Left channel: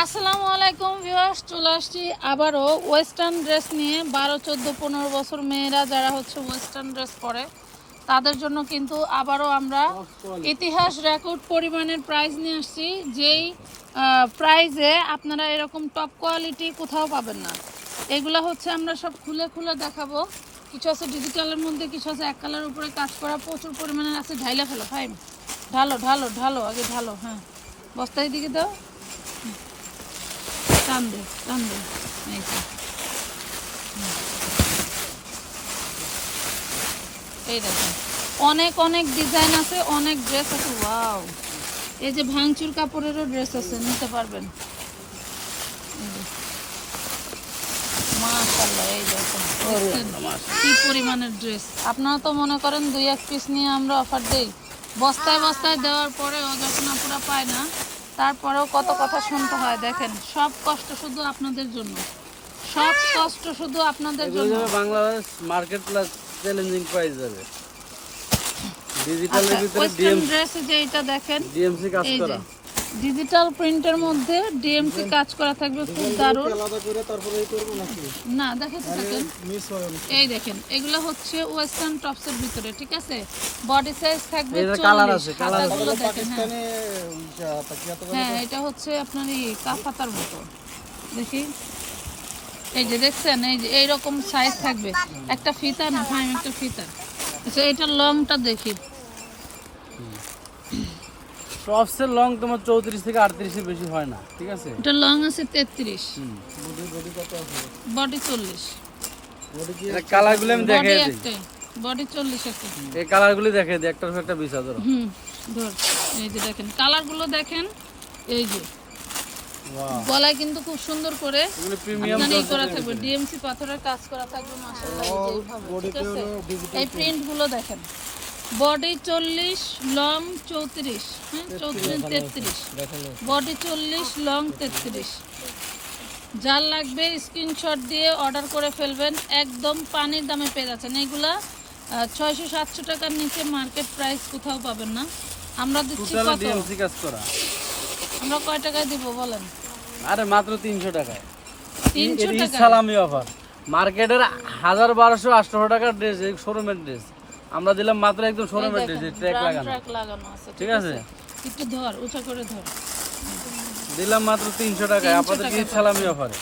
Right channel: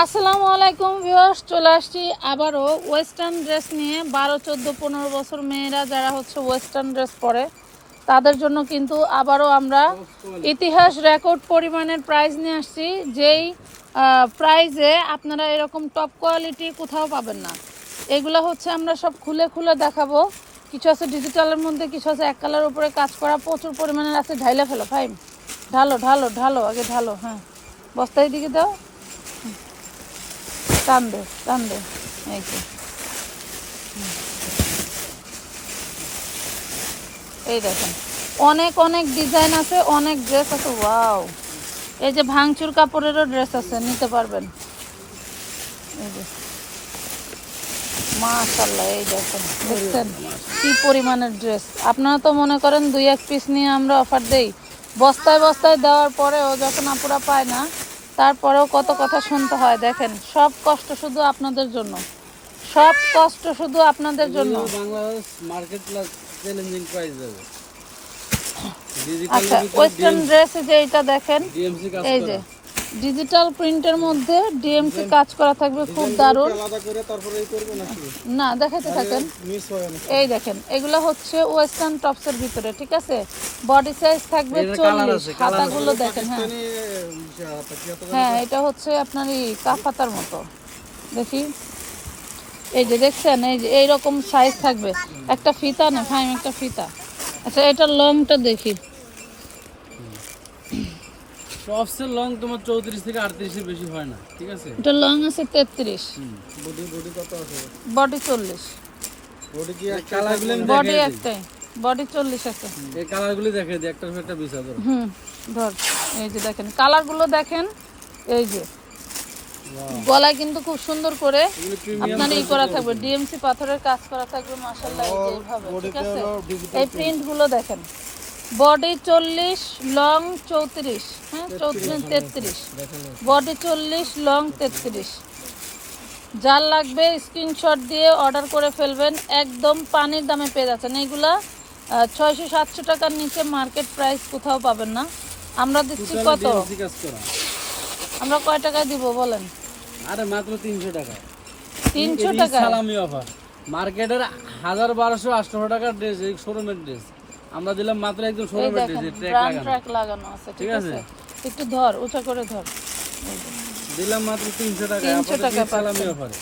আসসালামু আলাইকুম ভিউয়ার্স, চলে আসছি আবারও ওয়েস্টার্ন ড্রেস নিয়ে। বারো, চোদ্দ, পনেরো বছর মেয়েরা যারা হচ্ছে ওয়েস্টার্ন ড্রেস পরে, তাদের জন্য কিন্তু আবারও আমরা ইতিহাস রেকর্ড পরিমাণের প্রাইজ নিয়ে আসছি, যেই প্রাইজে আপনারা এরকম টপ কোয়ালিটি কোথাও পাবেন না। এগুলো হচ্ছে আমরা সব খুলে খুলে দেখাবো। কিছু আছে ডিজিটালের মধ্যে, কিছু আছে এক কালার উপরে কাজ করা, প্রচুর পরিমাণের আছে, ঢাইলে ফেলো ফাইন ঢালো ঢালো ঢালো, আগে ঢালো হ্যাঁ। বস্তায় দিকে দাও। টান দে টান এই দেখেন অনেক অনেক ডিজাইন আছে, অনেক ড্রেস আছে ওয়াও এই যে ভাঙচুর কাপড়েরও ড্রেস আছে, নিতে পারবেন। কি পরিমাণের ড্রেস আপনারা তো মনে করেন দুই, এক পিস নিয়ে আমরা অফার দেই। বস্তায় বস্তায় দেওয়ার পরেও যখন আপুরা পায় না তারপরেও কত কথা শুনতে হয় দেখেন। সব কষ্ট শুধু আপনাদের জন্য। সব কষ্ট শুধু আপনাদের জন্য। Bangladesh market plus challenging price যাবে ডিজিটালের আচ্ছা ভিতরে ওয়েস্টার্ন ড্রেসে যে এটা দেখেন ডিএমসি কাজ করা। ডিজিটাল প্রিন্টের মধ্যে ডিএমসি কাজ করা থাকবে খুব দারুণ। আলাদা করে তারপরে এই করব নাকি? না দেখাতে থাকেন। হয় এই দেখেন এগুলো হচ্ছে ওয়েস্টার্ন টপসের ভিতরে ঠিক আছে? বডি সাইজ থাকবে হ্যাঁ। হ্যাঁ এটা হচ্ছে আপনার এই কাফাতার মতো। দেখি। এই যে দেখছেন এই যে এইরকম সাইজ থাকবে। একটা ফিতা না হ্যাঁ একটা ফিতা। আচ্ছা এটার লংটা দেখি। টপসের লং তোমার চৌত্রিশ থেকে আটত্রিশের বেশি হয় না ঠিক আছে? এটা লং আছে তেত্রিশ। হুম। বডি বডি কত আছে? বডি চল্লিশ। বডি কি এই কালারগুলো আমি দেখাই দিই? বডি চল্লিশ আছে এই কালারগুলি দেখাই দিই একটার একটা বিশ হাজার। হুম ধর এই যে দেখেন কালারগুলো দেখেন এই যে। গলায় কিন্তু খুব সুন্দর করে এগুলো প্রিমিয়াম আপনার এই করা থাকবে। ডিএমসি পাথরের কাজ করা থাকবে যে এইভাবে, ডিজিটাল এই প্রিন্টগুলো দেখেন। বডি চল্লিশ লং চৌত্রিশ। হ্যাঁ চৌত্রিশ তেত্রিশ। বডি চল্লিশ লং তেত্রিশ। যার লাগবে স্ক্রিনশট দিয়ে অর্ডার করে ফেলবেন। একদম পানির দামে পেয়ে যাচ্ছেন। এইগুলা ছয়শো সাতশো টাকার নিচে মার্কেট প্রাইস কোথাও পাবেন না। আমরা দিচ্ছি কত? আমরা কয় টাকায় দিব বলেন? আরে মাত্র তিনশো টাকায়। তিনশো টাকা সালামি অফার। মার্কেটের হাজার বারোশো আটশো টাকার ড্রেস এই শোরুমের ড্রেস আমরা দিলাম মাত্র একদম শোরুমের ড্রেস ট্র্যাক লাগানো। ট্র্যাক লাগানো আছে ঠিক আছে? একটু ধর উঁচা করে ধর। দিলাম মাত্র তিনশো টাকায় 300 আপাতত টাকা ঈদ সালামি অফারে।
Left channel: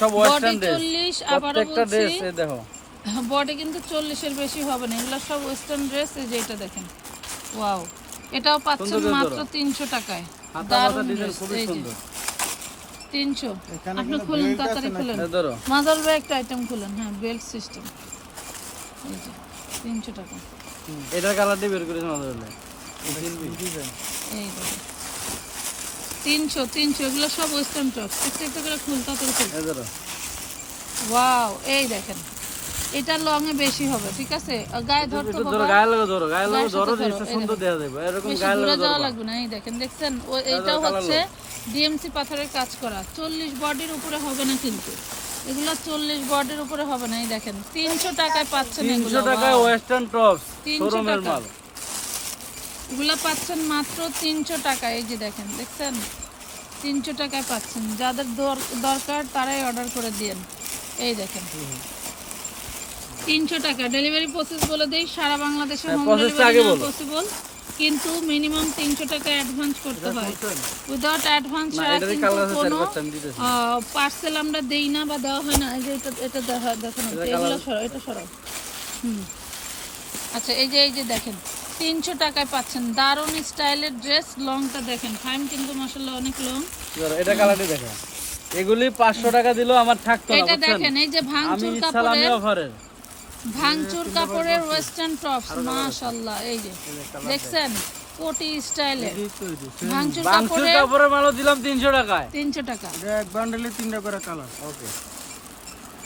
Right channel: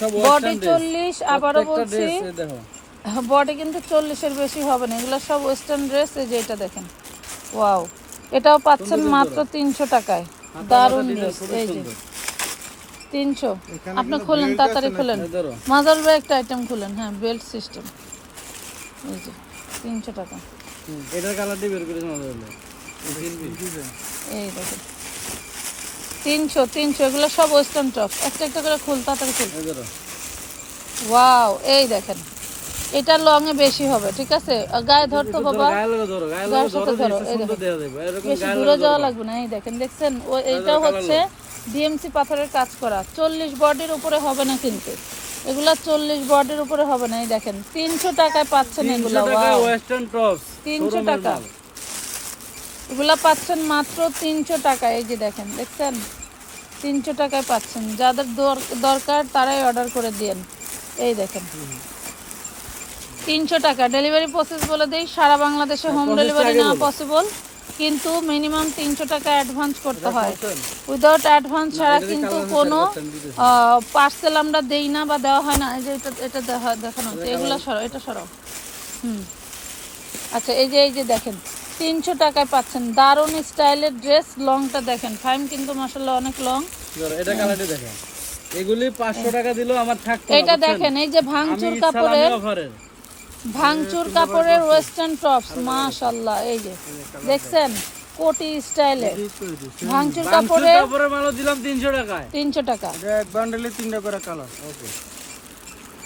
সব ওয়েস্টার্ন ড্রেস চল্লিশ আবারও প্রত্যেকটা ড্রেস এই দেখো। বডি কিন্তু চল্লিশের বেশি হবে না এগুলো সব ওয়েস্টার্ন ড্রেস এই যে এটা দেখেন। ওয়াও এটাও পাচ্ছেন মাত্র তিনশো টাকায়। হাতা দারুণ ডিজাইন যে। সুন্দর। আপনি খুলেন তাড়াতাড়ি? খুলেন। মাজার ভাই একটা আইটেম খুলেন হ্যাঁ বেল্ট সিস্টেম এই যে। তিনশো টাকা। এটার কালারটি বের এই তিনশো তিনশো এগুলো সব ওয়েস্টার্ন টপ একটা একটা করে ফুল তাড়াতাড়ি ফুল। ওয়াও এই দেখেন। এটা লং এ বেশি হবে ঠিক আছে? গায়ে ধরতে বাবা। গায়ে লাগো ধরো গায়ে লাগো ধরো সুন্দর যাবে এরকম গায়ে ধরো লাগবে না এই দেখেন দেখছেন? এইটা হচ্ছে ডিএমসি পাথরের কাজ করা। চল্লিশ বডির উপরে হবে না কিন্তু। এগুলা চল্লিশ বডির উপরে হবে না এই দেখেন। তিনশো টাকায় পাচ্ছেন তিনশো টাকায় ওয়েস্টার্ন টপস 300 শোরুমের টাকা। মাল। এগুলা পাচ্ছেন মাত্র তিনশো টাকায় এই যে দেখেন দেখছেন? তিনশো টাকায় পাচ্ছেন। যাদের দর- দরকার তারাই অর্ডার করে দিন। এই দেখেন। তিনশো টাকা। ডেলিভারি প্রসেস বলে দেই সারা বাংলাদেশে হোম ডেলিভারি। পসিবল কিন্তু মিনিমাম তিনশো টাকা অ্যাডভান্স করতে হয়। উইদাউট অ্যাডভান্স ছাড়া কিন্তু কোনো পার্সেল আমরা দেই না বা দেওয়া হয় না এই যে এটা এটা দেখা দেখানো এগুলো সরাও এটা সরাও। হুম। আচ্ছা এই যে এই যে দেখেন তিনশো টাকায় পাচ্ছেন। দারুণ স্টাইলের ড্রেস লংটা দেখেন। ফাইন কিন্তু মাসাল্লাহ অনেক লং এটা কালারটি দেখেন। এগুলি পাঁচশো টাকা দিলেও আমার থাকতো এটা দেখেন এই যে ভাঙচুর কাপড়ের ভাঙচুর কাপড়ের ওয়েস্টার্ন টপস মাশাল্লাহ এই যে। দেখছেন? কোটি স্টাইলের ভাঙচুর কাপড়ের কাপড়ের মালও দিলাম তিনশো টাকায়। তিনশো টাকা। এটা এক বান্ডেলে তিনটা করে কালার ওকে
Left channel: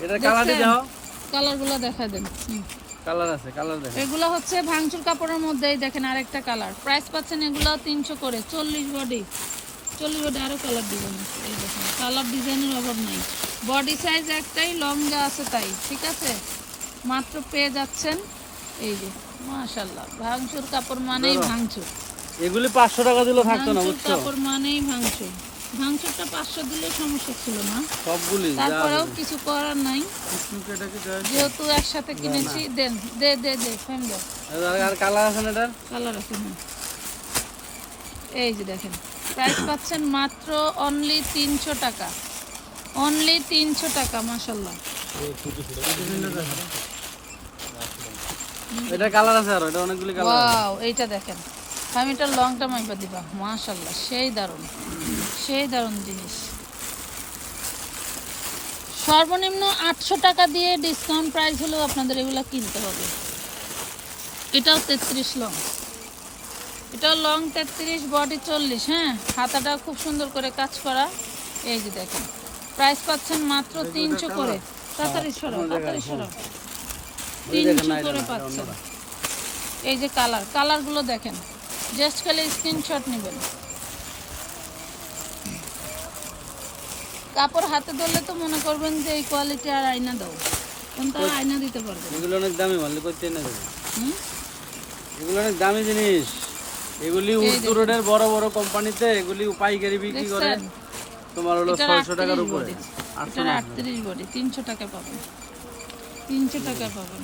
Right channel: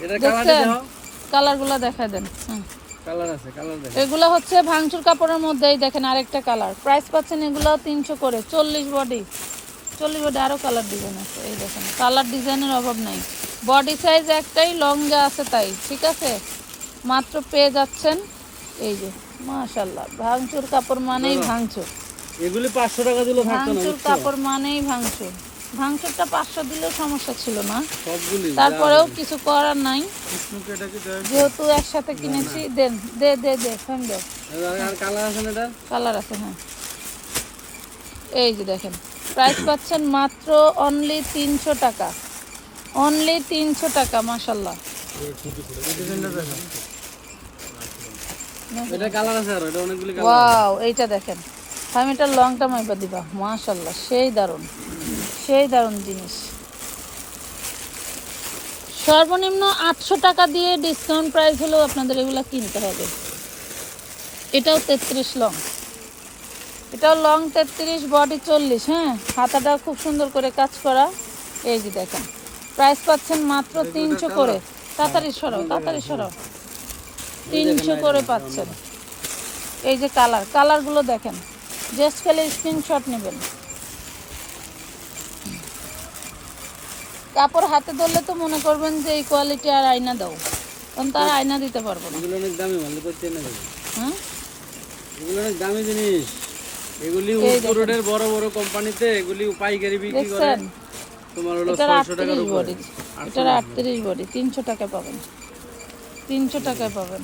এটা দেখছেন? দাও কালারগুলো দেখা দেন। কালার আছে কালার দেখো এগুলো হচ্ছে ভাঙচুর কাপড়ের মধ্যেই দেখেন আরেকটা কালার প্রাইস পাচ্ছেন এগুলো তিনশো করে। চল্লিশ বডি চল্লিশ বডি আরও কালার ডিজাইন আছে। এই দেখেন কালার ডিজাইনের অভাব নেই। বডি সাইজ একটাই লং যা আছে তাই। ঠিক আছে? মাত্র পেয়ে যাচ্ছেন। এই যে মাশাল্লাহ ভাঙচুর কাপড় মানেই ভাঙচুর। এগুলি পাঁচশো টাকা থাকতো না ভাঙচুর কাপড় মানেই ভাঙচুর। ভাঙচুরটা পাঁচশো দিলেও সমস্যা ছিল না। সবগুলি তারপরেও কিছু করার নাই। যেহেতু একসাথে কিনেছি দেন দে দে দে ফেন দে। আর- কালার আছে না এটার? কালার আছে হ্যাঁ। এই যে দেখেন প্রাইস পাচ্ছেন মাত্র অনলি তিনশো টাকা। অনলি তিনশো টাকা মাসাল্লাহ এটা কালার আছে আরও এটা অনেকগুলি কালার ওয়াও এইটা দেখেন। আমি এটা লং টার্ম এবার দিবা মাশাল্লাহ সেই দারুণ সেই দারুণ জিনিস। সর্বনিম্ন আটশো টাকা দিয়ে ডিসকাউন্ট প্রাইস হলেও আপনাদের এগুলো কিনতে হবে। এটাও তেত্রিশ লং এটাও লং তেত্রিশ বডি চল্লিশ হ্যাঁ? হাতাটা খুব সুন্দর করে কাজ করা। এই যে দেখেন প্রাইস পাচ্ছেন মাত্র তিনশো করে। তাড়াতাড়ি সরো তাড়াতাড়ি সরো তিনশো করে পাচ্ছেন। এই যে কালার কালারগুলো দেখেন। জাস্ট খালি স্ক্রিনশট নেবেন। কাপড় হাতে ধরলে তো মনে করবেন যে এই কোয়ালিটি আর আয়না দাও। কারণ তার আয়না দিতে পারবে এগুলো অনেক দামি মানলে করতে না হ্যাঁ এগুলো অনেক দামি জিনিস। এগুলি উত্তর রোডের বড় বড় কোম্পানিতে এগুলি পাইকারি বিক্রি করে। তোমার হলো ছয়শো টাকার উপরে। আটত্রিশ বডি তিনশো টাকায় পাবেন। তিনশো টাকায় পাবেন।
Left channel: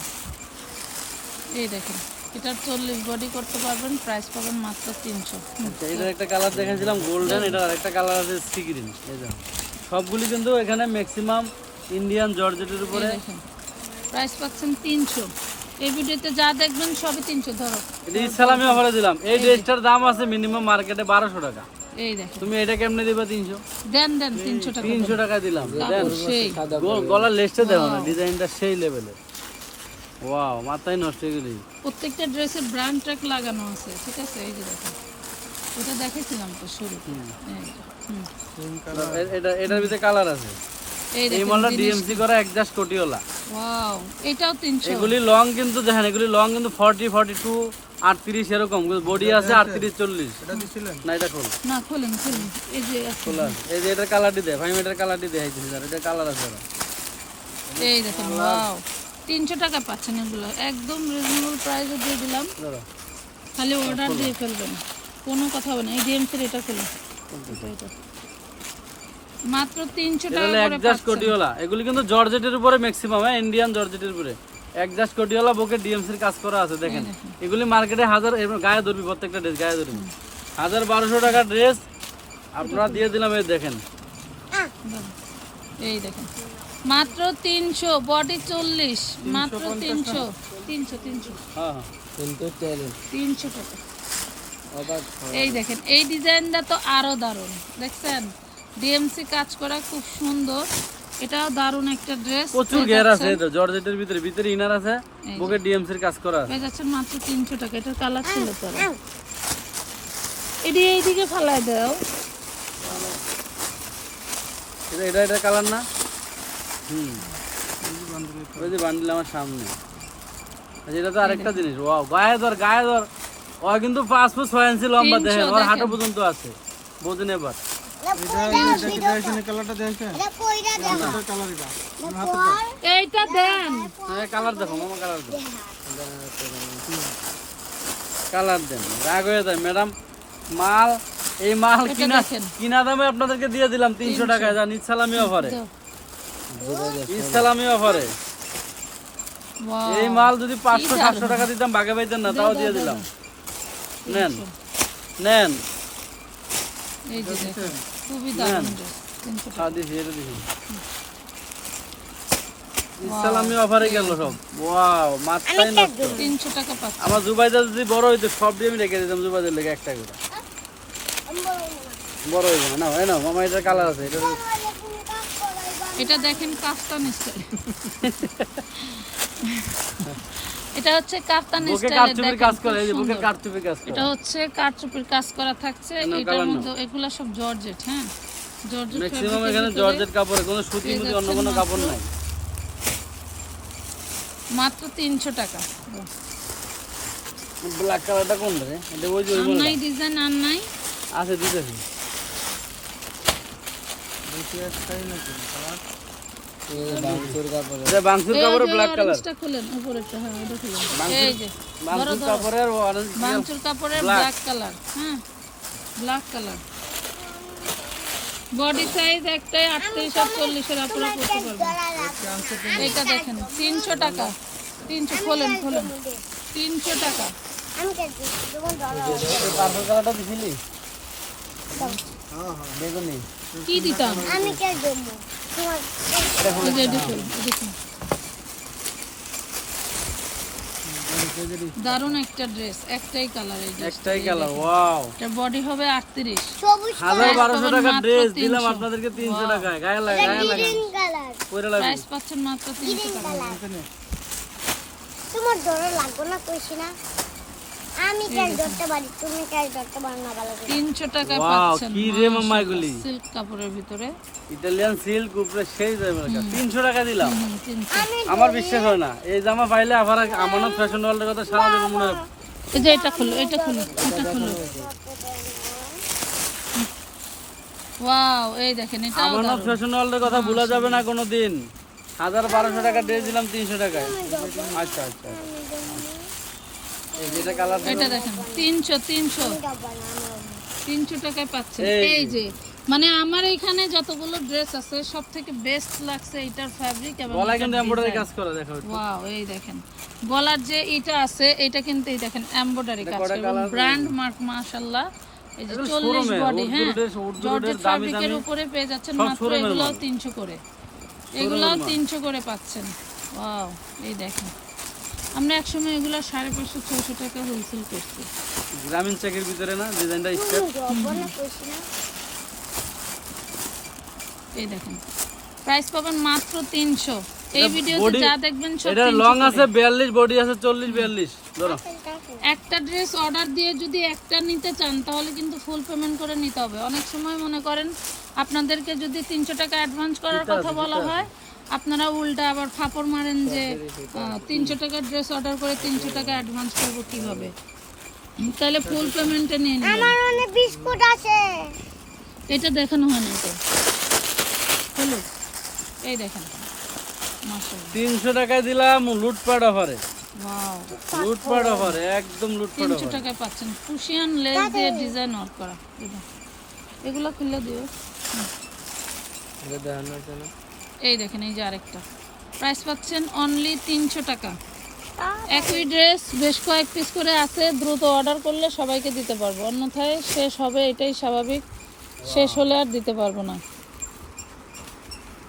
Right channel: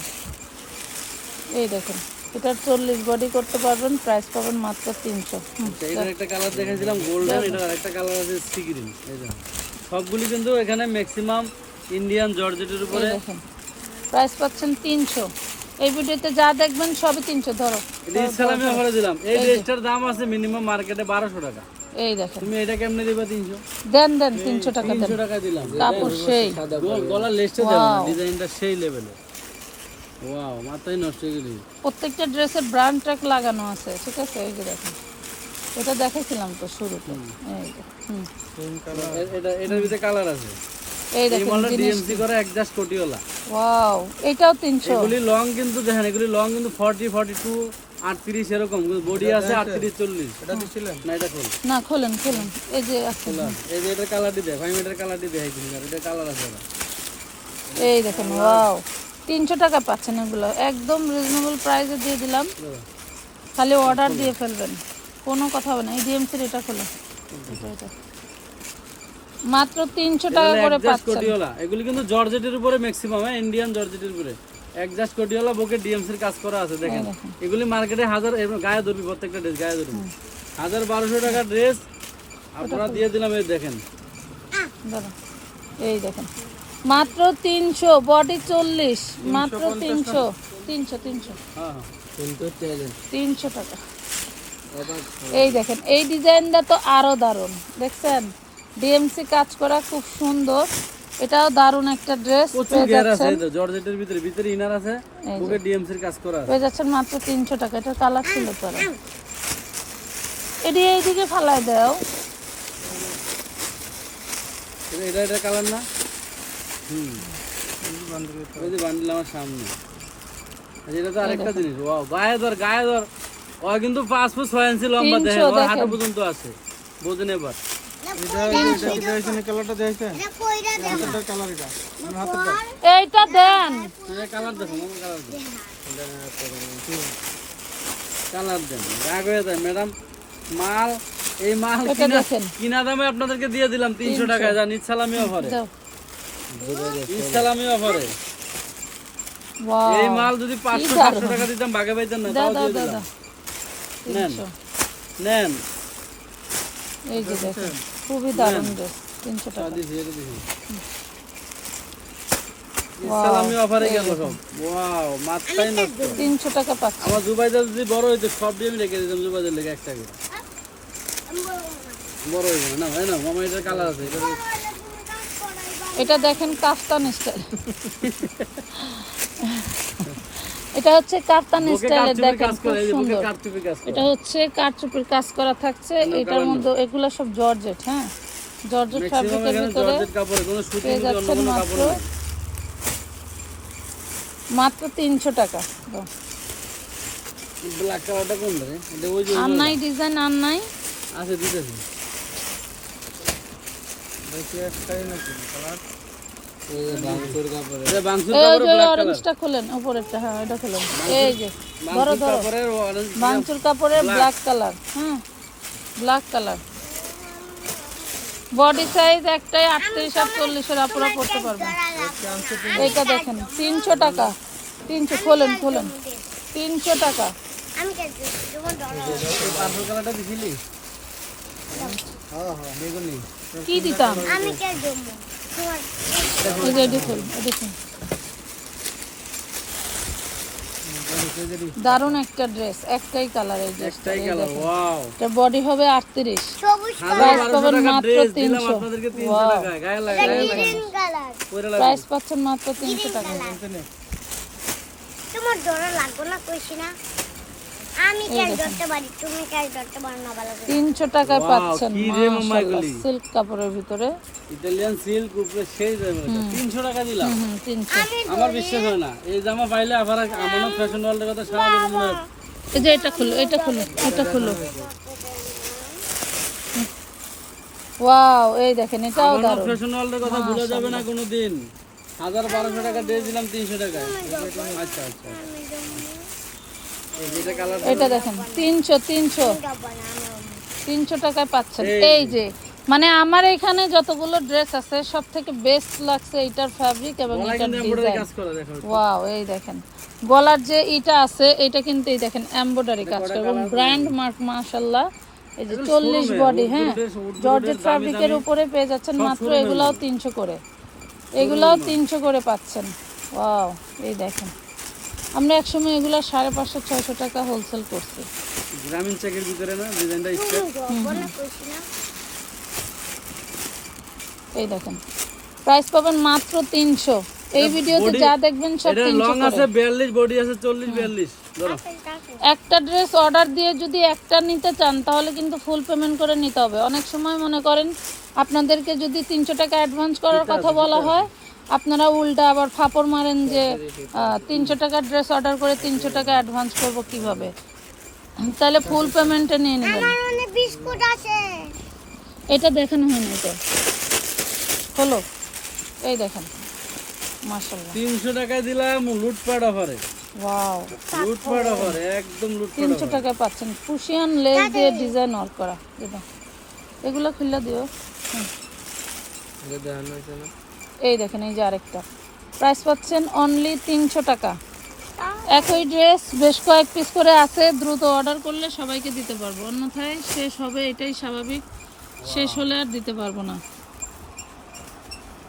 এই দেখুন এটা চল্লিশ বডি করতে পারবেন প্রাইস পাবেন মাত্র তিনশো। আচ্ছা, এটার একটা কালার দেখাছিলাম গোল্ডেন এটার আরেকটা কালার আছে সি গ্রিন সবগুলি কিন্তু এখানে ম্যাক্সিমাম ইন্ডিয়ান জর্জেটের উপরে। প্রাইস পাচ্ছেন তিনশো। এই ভিডিওতে যা দেখবেন সবই তিনশো ধরো। এটা ইসলামী অফারে দিলাম। এই ড্রেসটার দাম আছে মিনিমাম মার্কেটে বারোশো টাকা। এই তুমি এটা কেমনে দিবা তিনশো? দেন দেন তিনশো টাকা দেন। তিনশো টাকা দিলাম। কাপড় সেই। গো- গলার লেসটা দেবো না ডিজাইনটা সেই লেভেলের ওয়াও মাথায় নষ্ট হয়ে গেলি। প্রত্যেকটা ড্রেসের ব্রান্ড ট্রাক লাগানো আছে ঠিক আছে? এই যে এটা দেখেছিলাম তো কালার এটা এটার ভিতরে কালার আছে। এই এই দেখেন মালটা ডিএমসি করা একজাস্ট কোটিওলা ওয়াও এটাও তিনশো। এগুলি লং কিন্তু দেখেন এগুলি লং কিন্তু ফর্টি ফর্টি টু আটত্রিশ এরকম বডি আছে আটত্রিশ চল্লিশ। এটা দিছিলেন? না এটা খোল। না খোলেন খোলেন এই যে আছে। খোলা এই যে এটার কালারটি দেয় ফাইভ এটার কালারটি দেখাইছিলি আর এটার কালার আছে এই দেখেন ওয়াও তিনশো টাকা পাচ্ছেন এগুলো একদম রিজনেবল প্রাইসে দিয়ে দিলাম। খালি অর্ডার দিয়ে ফেলবেন কোনো কথা হবে না। এই ডিএমসির এটা খোলো এটা, এটা। মাত্র তিনশো এটা টাকা করে পাচ্ছেন। কোটিওলা এগুলি কিন্তু জর্জেটের উপরে ম্যাক্সিমাম হ্যাঁ? ইন্ডিয়ান জর্জেটের উপরে। একজাস্ট কোটিওলা বুকে ডিএমসির কাজ করা আছে দেখেন। এগুলি মার্কেটে হাজার গায়ে ধরবি প্রত্যেকটা ড্রেস গায়ে ধরবি। হাজার বারোশো টাকা ড্রেস আপনারা দিয়ে দিলাম এই দেখেন। এই দেখেন। মাত্র তিনশো বডি চল্লিশ মাত্র তিনশো তিনশো তিনশো। হ্যাঁ হ্যাঁ। কিন্তু তিনশো টাকা। এই দেখেন এই ডিজাইনটা তো আরও দারুণ দেখছেন? ডিএমসি কাজ করা খুব সুন্দর। এটাও দারুণ একটা ড্রেস প্রচুর ঘের আছে জর্জেটের ভিতরে ভিতরে ইনার আছে বুকে ডিএমসির কাজ করা। পেয়ে যাচ্ছেন মাত্র তিনশো টাকা এটার কালার ছিল পরে। এইদিকে ফালাই দাও। এটা এটা এটা কালার না? হুম। ওই যে বান্ডিল আমার সামনে। আচ্ছা, এটা তো আরেকটা জিনিস ওয়াও গায়ে ধর গায়ে ধর। ও কিন্তু পাঁচ ফুট ছয় ইঞ্চি লম্বা দেখেন ওর হাঁটু পর্যন্ত আছে। বোঝেন এবার। মাল এই মাল কিনা কিনা দামে আপনাদেরকে দিয়ে দিলাম তিনশো টাকায় জান ইসালামি অফারে। ইসালামি অফারে এই মাল যদি পাঁচশো সাতশো টাকা দিতাম বাগে পাইতেন না তাও দিয়ে দিলাম নেন নেন খুবই দারুণ ড্রেস তিনশো টাকা। তাও দিছি এটা অফারে গেল সব। ওয়াও তিনশো টাকা পাচ্ছি আমার জুবাইদার যদি বড় হইতো সব দিয়ে আমি রেখে দিতাম জুবাইদার লেগে একটা করে। বড় হয়ে যাবে না হয় না মামা এটার কালার আছে এটা এটা দেখেন কাফতান স্টাইল এটা হচ্ছে কাফতান বুকে স্টাইল দেখেন এটা হচ্ছে কারচুপির কাজ করা থাকছে। এটার মধ্যে এগুলো সব জর্জেট হ্যাঁ? জর্জেট ম্যাক্সিমাম এখানে জর্জেট কাপড় কোনো সুতি অন্য কোনো কাপড় মাত্র নাই। মাত্র তিনশো টাকা। দাও। ব্ল্যাক কালারটা কোন রে? এটা ওই যে আর নাই ডিজাইন আর নাই। আছে দিতেছি। দেখি একটাই নাকি? কালার এটা বাংসুর এই ব্ল্যাক কালার অরেঞ্জটা খোলেন উপরেরটা হ্যাঁ এটা খোলেন। এই যে বাংসুর কাপড়ের অরেঞ্জ মাংসুর কাপড়ের ব্ল্যাক কালার হ্যাঁ ব্ল্যাক কালার বডি সাইজ একটাই আটত্রিশ আর চল্লিশের আপুরা পড়তে পারবে। এটা দেখেন তিনশো টাকা। তিনশো খোলেন খোলেন। তিনশো টাকা। দিছিলি বেগুনি কি দিতাম? আমি দারুণ একটা ড্রেস একটাই কালার এই একটাই কালার ওয়াও এটার বডি হবে আটত্রিশ। সবুজ হাজার Price বারোশো পাবেন টাকা ড্রেস দিলাম আপনাদেরকে তিনশো টাকায়। গায়ে লাগা গায়ে লাগা। গ্রিন কালার পরে লাগবে। প্রাইস পাচ্ছেন মাত্র তিনশো টাকা। তোমার ডলার লাগবে না তো আমি কেটে ধরতে পারি তুমি কেটে ধরতে পারো না ভালো করে তিনশো টাকায় পাচ্ছেন কি রে মামা এগুলি? সিল্ক কাপড়ের ভিতরে। ইটালিয়ান সিল্ক উপরে সেই টাকা দিলাম। আমার বিশ্বাস হয় না। এই জামা পাইলে আবার আমানত ফ্যাশন ওয়ার্ল্ডের কথা সারা দেবো মনে এই যে এটা খুলো এটা খুলো এটা খুলো। ওয়াও এই দেখেন আমানত ফ্যাশন ওয়ার্ল্ডের কথা ভুলা যাবে না কোনো দিন হাজার বারোশো টাকা ড্রেস দিলাম তিনশো টাকায়। আচ্ছা আচ্ছা কালার এটা দেখেন তিনশো তিনশো। তিনশো টাকায় পাচ্ছেন। এই এই যে মানে আমার এখানে যতগুলো ড্রেস আছে সব থেকে বেস্ট লাগছে এটার ফ্যাব্রিক এবং ওয়াও এই দেখেন। গলার যে এটা আছে এটা কিন্তু এই দেখেন এমব্রয়ডারি কাজ করে। এবং ব্র্যান্ড মার্ক মাশাআল্লাহ। এই যে এগুলো চল্লিশ showroom-এর, বডি হ্যাঁ জর্জেট ফ্যাব্রিকের উপরে পেয়ে যাচ্ছেন মাত্র করে। এগুলাও তিনশো করে পাচ্ছেন। ওয়াও এই দেখেন। আমরা একসময় এগুলো সাড়ে পাঁচশো ছয়শো টাকা হোলসেল করছি। গ্রামীণ চেকের ভিতরে না? ডিজাইনটা এই দেখেন। প্রাইস পাবেন মাত্র তিনশো। এই ভিডিওতে যা দেখবেন সব এটা লং আছে বিয়াল্লিশ বডি আছে চল্লিশ বিয়াল্লিশ। ধরো। একটা ড্রেস অর্ডার দিয়ে যদি একটা নিতে চান তাহলে কিন্তু ফুল পেমেন্ট করে নিতে হবে। অনেক সময় মনে করেন আপনাদেরকে যদি তিনশো টাকা অ্যাডভান্স করার কথা বলা হয় আপনারা উল্টা আবার ফাপড় মারেন যে তিনশো টাকার ড্রেস অর্ডার করে তিনশো টাকা অ্যাডভান্স করব কীভাবে? তাহলে ফুল পেমেন্টে নিয়ে বিস্কুট আছে। এটা দেখেন হয়নি তো। হলো? এই দেখেন। তিনশো টাকায় দিলাম লুটপাট অফারে লুটপাট অফারে একদম লুটপাট তিনশো টাকায় পাচ্ছেন। কুশিয়ান লেস দিয়ে ডিজাইন ওয়ার্ক করা। এগুলো খুললে দিও। এই দেখেন এই যে আরেকটা। প্রাইস পাচ্ছেন অনলি তিনশো টাকা। একই ড্রেস বেশ কয়েক পিস করে আছে দ্রুত অর্ডার করলে সবাইকে দিতে পারব। অন্যথায় শেষ হবে এটাই স্বাভাবিক। শেষ হলে আর দিতে পারব না।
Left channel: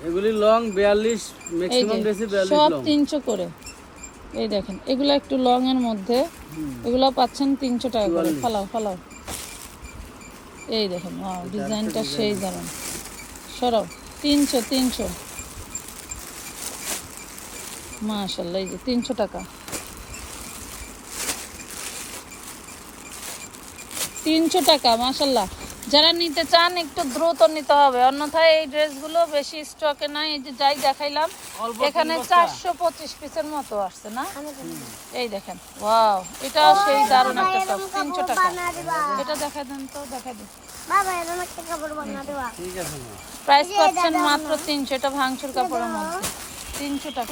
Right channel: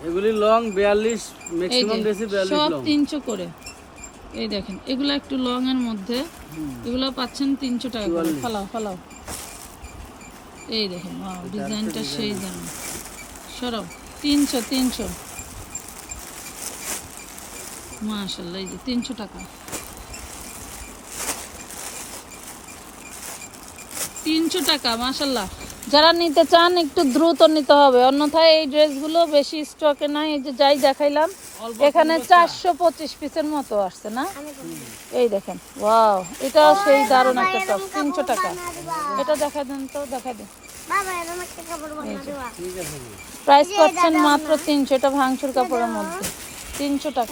এগুলি লং বিয়াল্লিশ এই ম্যাক্সিমাম যে ড্রেসই বিয়াল্লিশ সব লং তিনশো করে। এই দেখেন এগুলো একটু লং এর মধ্যে। এগুলো পাচ্ছেন তিনশো টাকা করে। ফালাও ফালাও। এই দেখেন ডিজাইনটা সেই জানেন সরাও তিনশো তিনশো। মাশাল্লাহ এই যে তিনশো টাকা। তিনশো টাকা মাশাল্লাহ যারা নিতে চান একটু দ্রুত নিতে হবে। অন্যথায় এই ড্রেসগুলো বেশি স্টকে নাই এই যে যাই দেখাইলাম এখানে চারশো পঁচিশ পিসের মতো আসছে না? এই দেখেন ওয়াও এটাও সেই দারুণ তিনশো টাকা। এটা দেখা দিন তো দেখা দিন। বাবা এরকম একটা কাপড় বানা দেবা। ঠিক আছে। প্রাইস পাচ্ছেন মাত্র তিনশো এটা ভাঙচুর কাপড়ের মধ্যে। তিনশো টাকা।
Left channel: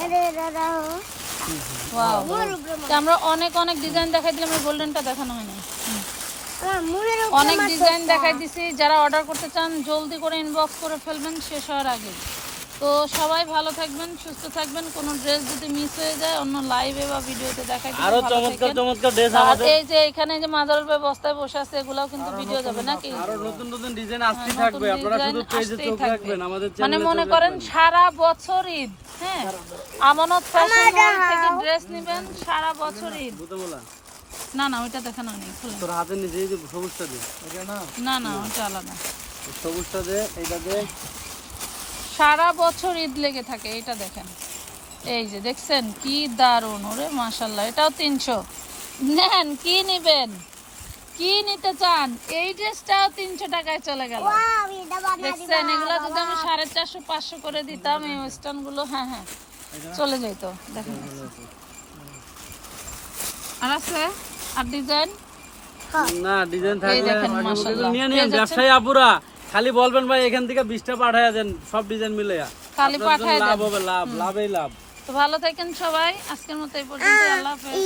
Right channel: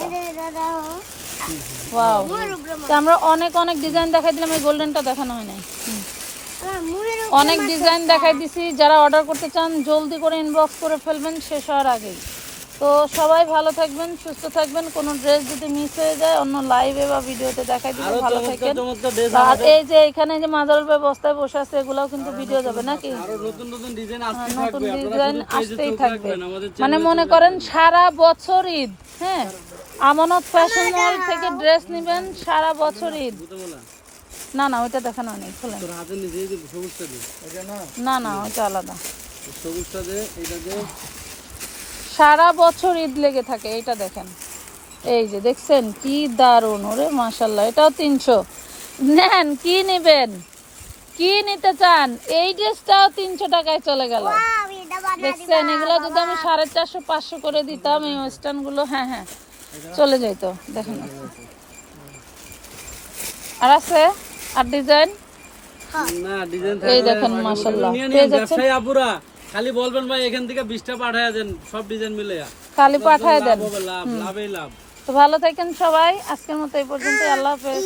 আমরা অনেক অনেক ডিজাইন দেখাই দিলাম গোল্ডেনটা দেখানো হয় না হুম। আমার মুড়ের উপরে অনেক ডিজাইন দেখাই দিছি যারা অর্ডার করতে চান জলদি করে ইনবক্স করে ফেলবেন শেষ হওয়ার আগে। তো সবাই ভালো থাকবেন সুস্থ থাকবেন। কোনো ড্রেস যদি মিস হয়ে যায় অন্য লাইভে বা ভিডিওতে দেখাই দিলে আরও চমৎকার চমৎকার ড্রেস আমাদের। এই যে এখানে যে মাজারুল ভাই বস্তায় বসে আছে এগুলাও কিন্তু ভিডিও দেবে নাকি? আরও নতুন নতুন ডিজাইন আসতে থাকবে। আপনারা শুধু পেজে চোখ রাখবেন আমাদের চ্যানেলে মানে মনে করেন সারা বছর ঈদ হ্যাঁ? আমানত ফ্যাশন থেকে ড্রেস নেবেন সারা বছর ঈদ। বলা। না না ওটা দেখানো নেই। তোর হাতের নিচে যে সবুজটা দে। না। না না ওটা আলাদা। সবুজটা দে এটা দে। সারা বছর ঈদ লেগে থাকে এটা দেখেন। এই যে দেখছেন কি দারুণ ওরে মাশাল্লাহ এটাও তিনশো। নেন কি নেবেন? কি নিতে চান? এই ড্রেসটাও তিনশো টাকায় চলে গেল। দেখছেন এগুলো যদি আমি সাড়ে চারশো পাঁচশো করে দিতাম এই ওয়েস্টার্নগুলো হ্যাঁ হ্যাঁ চলে যেত দেখেন। আর আছে? আর ডিজাইন? না ডিজাইন এই থাকবে নিয়ে নিন ব্যবসায়ী আপুরা। খালি বলবেন ভাই এখান থেকে বিশটা পাঠায় দেন সব ডিজাইন মিলে। খালি পাঠায় লাভ হবে লাভ লাভই লাভ। তো ভালো থাকেন সবাই আজকের মতো এই পর্যন্ত আল্লাহ হাফেজ।